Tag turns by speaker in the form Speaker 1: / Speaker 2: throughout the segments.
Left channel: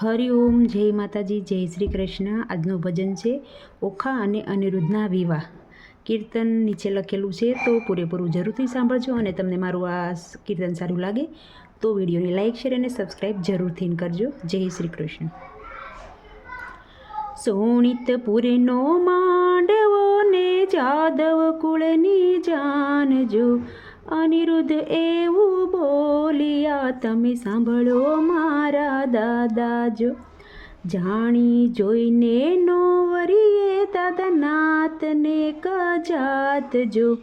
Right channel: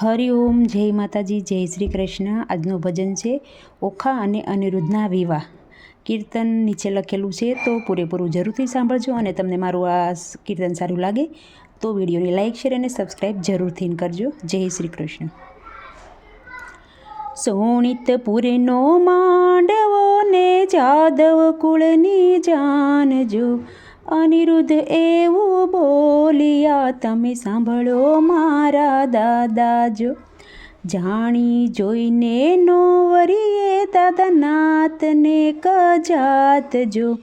Speaker 1: હરિઓમ જય માતાજી, જય શ્રી કૃષ્ણ. આજનું ભજન છે ઓખા અને અનિરુદ્ધના વિવાહ. કીર્તન નીચે લખેલું છે, તો પૂરેપૂરું જરૂરથી સાંભળજો અને તમને મારું આ કીર્તન સારું લાગે, તો વિડીયોને લાઇક શેર અને સબસ્ક્રાઈબ જરૂરથી કરજો. જય શ્રી કૃષ્ણ. સોણિતપુરનો માંડવો ને જાદવ કુળની જાનજો અનિરુદ્ધ એવું બોલિયા, તમે સાંભળો મારા દાદાજો, જાણી જોઈને નો વરીએ દાદા નાતને કજાતજો.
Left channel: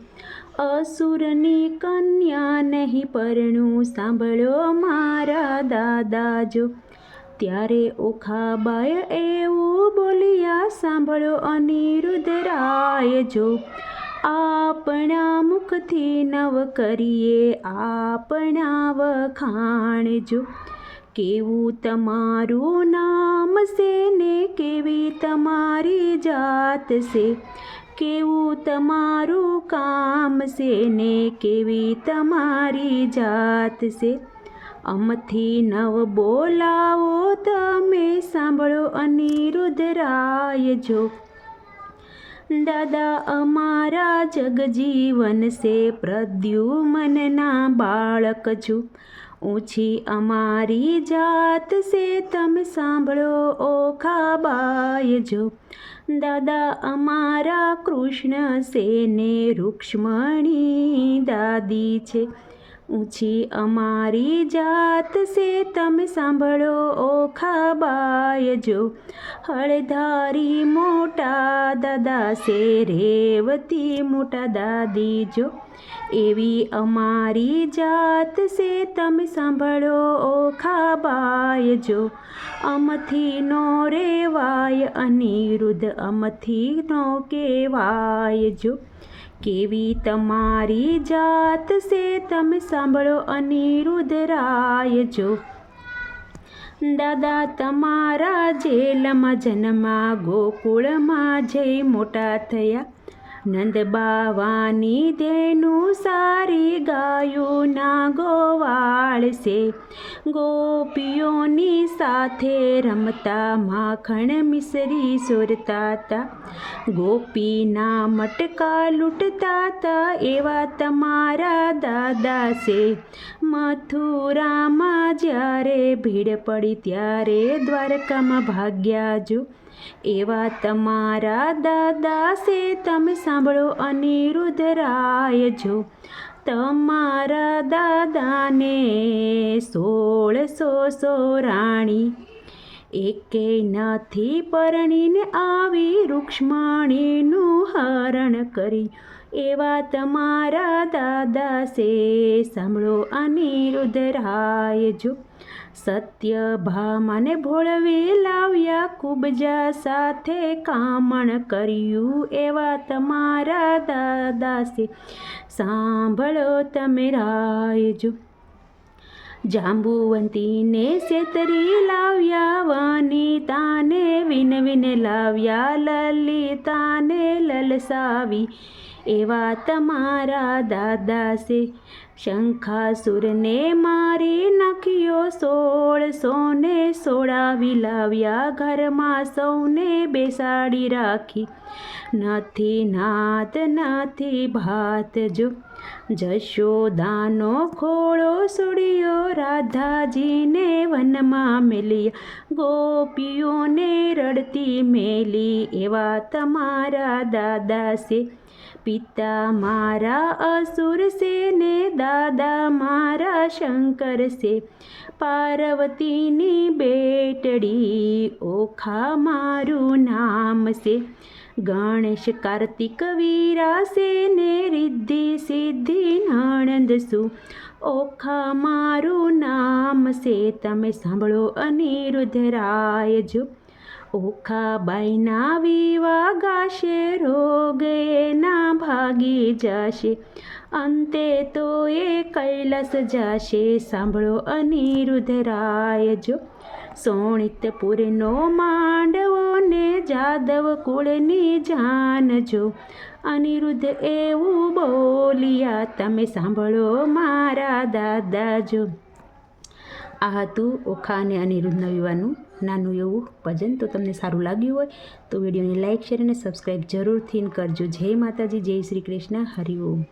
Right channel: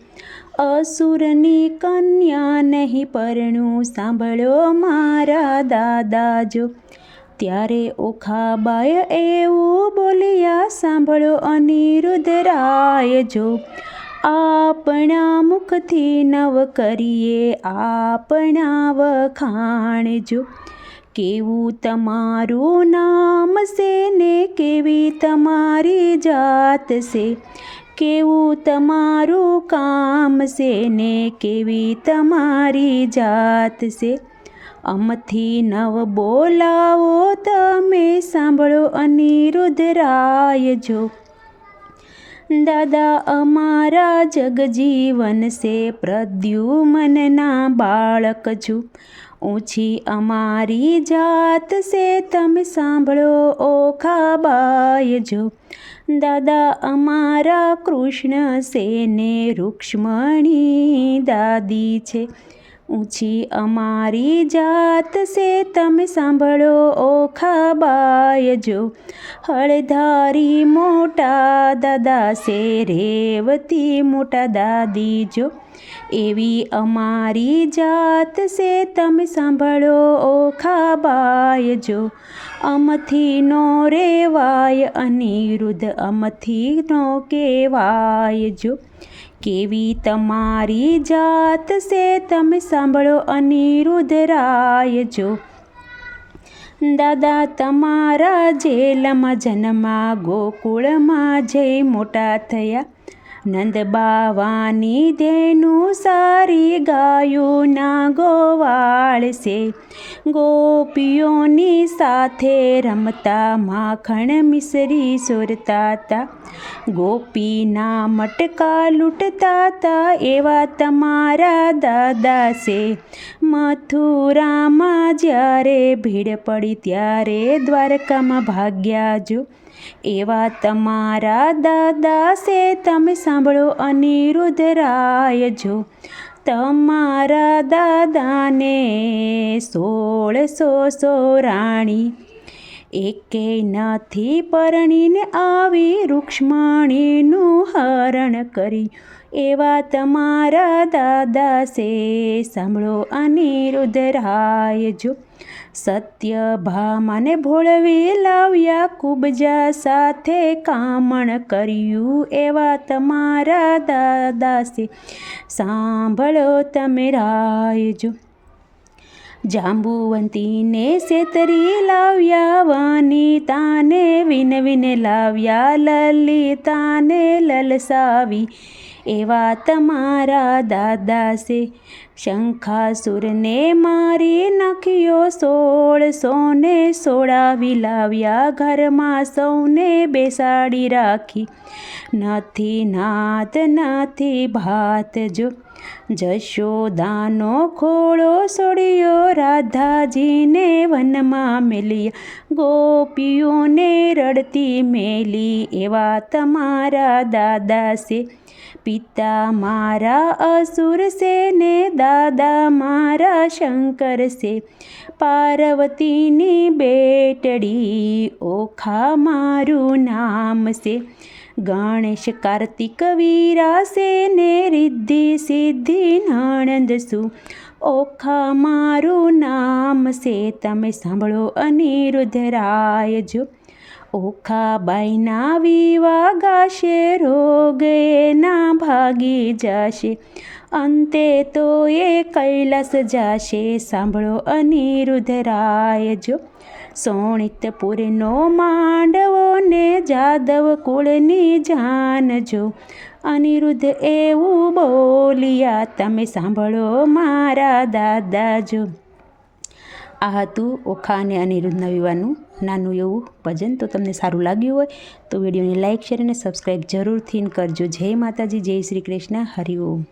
Speaker 1: અસુરની કન્યા નહીં, પરણું સાંભળો મારા દાદાજો. ત્યારે ઓખાબાય એવું બોલ્યા, સાંભળો અનિરુદ્ધ રાય જો આપણા મુખથી નવ કરીએ આપણા વખાણજો કેવું તમારું નામ છે ને કેવી તમારી જાત છે? કેવું તમારું કામ છે ને કેવી તમારી જાત છે? અમથી નવ બોલાવો તમે, સાંભળો અનિરુદ્ધરાય જો દાદા, અમારા જગજીવન સે પ્રદ્યુમનના બાળક છું. ઊંચી અમારી જાત સે તમે સાંભળો ઓખાબાય જો. દાદા, અમારા કૃષ્ણ સેને રૂક્ષ્મણી દાદી છે. ઊંચી અમારી જાત સે તમે સાંભળો ઓખા જો. હળધારી મોટા દાદા સે, રેવતી મોટા દાદી જો. એવી અમારી જાત છે તમે સાંભળો ઓખાબાય જો. અમથી નો રેવાય, અનિરુદ્ધ અમથી નો કેવાય જો. કેવી તમારી જાત છે તમે સાંભળો અનિરુદ્ધરાય જો. દાદા તમારા જેલમાં જન્મા, ગોકુળમાં જઈ મોટા થયા. નંદ બાવાની ધેનું સારી ગાયું ના ગોવાળ છે ગોપીઓની સાથે રમતા માખણ મિસરી સુરતા ગોપીના મટકા લૂંટતા તા, એવા તમારા દાદા છે મથુરામાં જ્યારે ભીડ પડી ત્યારે દ્વારકામાં ભાગ્યા જો. એવા તમારા દાદા છે તમે સાંભળો અનિરુદ્ધરાય જો. તમારા દાદાને સોળસો સોરાણી. એકે નથી પરણીને આવી રૂક્ષ્મણીનું હરણ કરી એવા તમારા દાદા સે સાંભળો અનિરુદ્ધરાય જો સત્ય ભામાને ભોળવી લાવ્યા કુબજા સાથે કામણ કર્યું એવા તમારા દાદા છે સાંભળો તમે રાયજો જાંબુવંતીને સેતરી લાવ્યા વનિતાને વિનવીને લાવ્યા લલિતાને લલસાવી. એવા તમારા દાદા છે શંખાસુરને મારી નાખ્યો સોળ સોને સોળાવી લાવ્યા ઘરમાં સૌને બેસાડી રાખી. નથી નાત, નથી ભાત જો. જશોદાનો ખોળો સોડ્યો, રાધાજીને વનમાં મેલ્યા ગોપીઓને રડતી મેલી, એવા તમારા દાદા છે. પિતા મારા અસુર છે ને દાદા મારા શંકર છે પાર્વતીની બેટડી ઓખા મારું નામ છે ગણેશ કાર્તિક વીરા છે ને રિદ્ધિ સિદ્ધિ નણંદ છું ઓખા મારું નામ છે તમે સાંભળો અનિરુદ્ધરાય જો ઓખાબાઈના વિવા ગાશે, રોગ એના ભાગી જાશે. અંતે તો એ કૈલાસ જાશે, સાંભળો અનિરુદ્ધ રાય જો. સોણિતપુરનો માંડવો ને જાદવ કુળની જાનજો અનિરુદ્ધ એવું બોલિયા, તમે સાંભળો મારા દાદાજો આ હતું ઓખા અને અનિરુદ્ધના વિવાહનું નાનું એવું ભજન તો તમને સારું લાગ્યું હોય, તો વિડીયોને લાઇક શેર અને સબસ્ક્રાઈબ જરૂરથી કરજો. જય માતાજી, જય શ્રી કૃષ્ણ, હરિ ઓમ.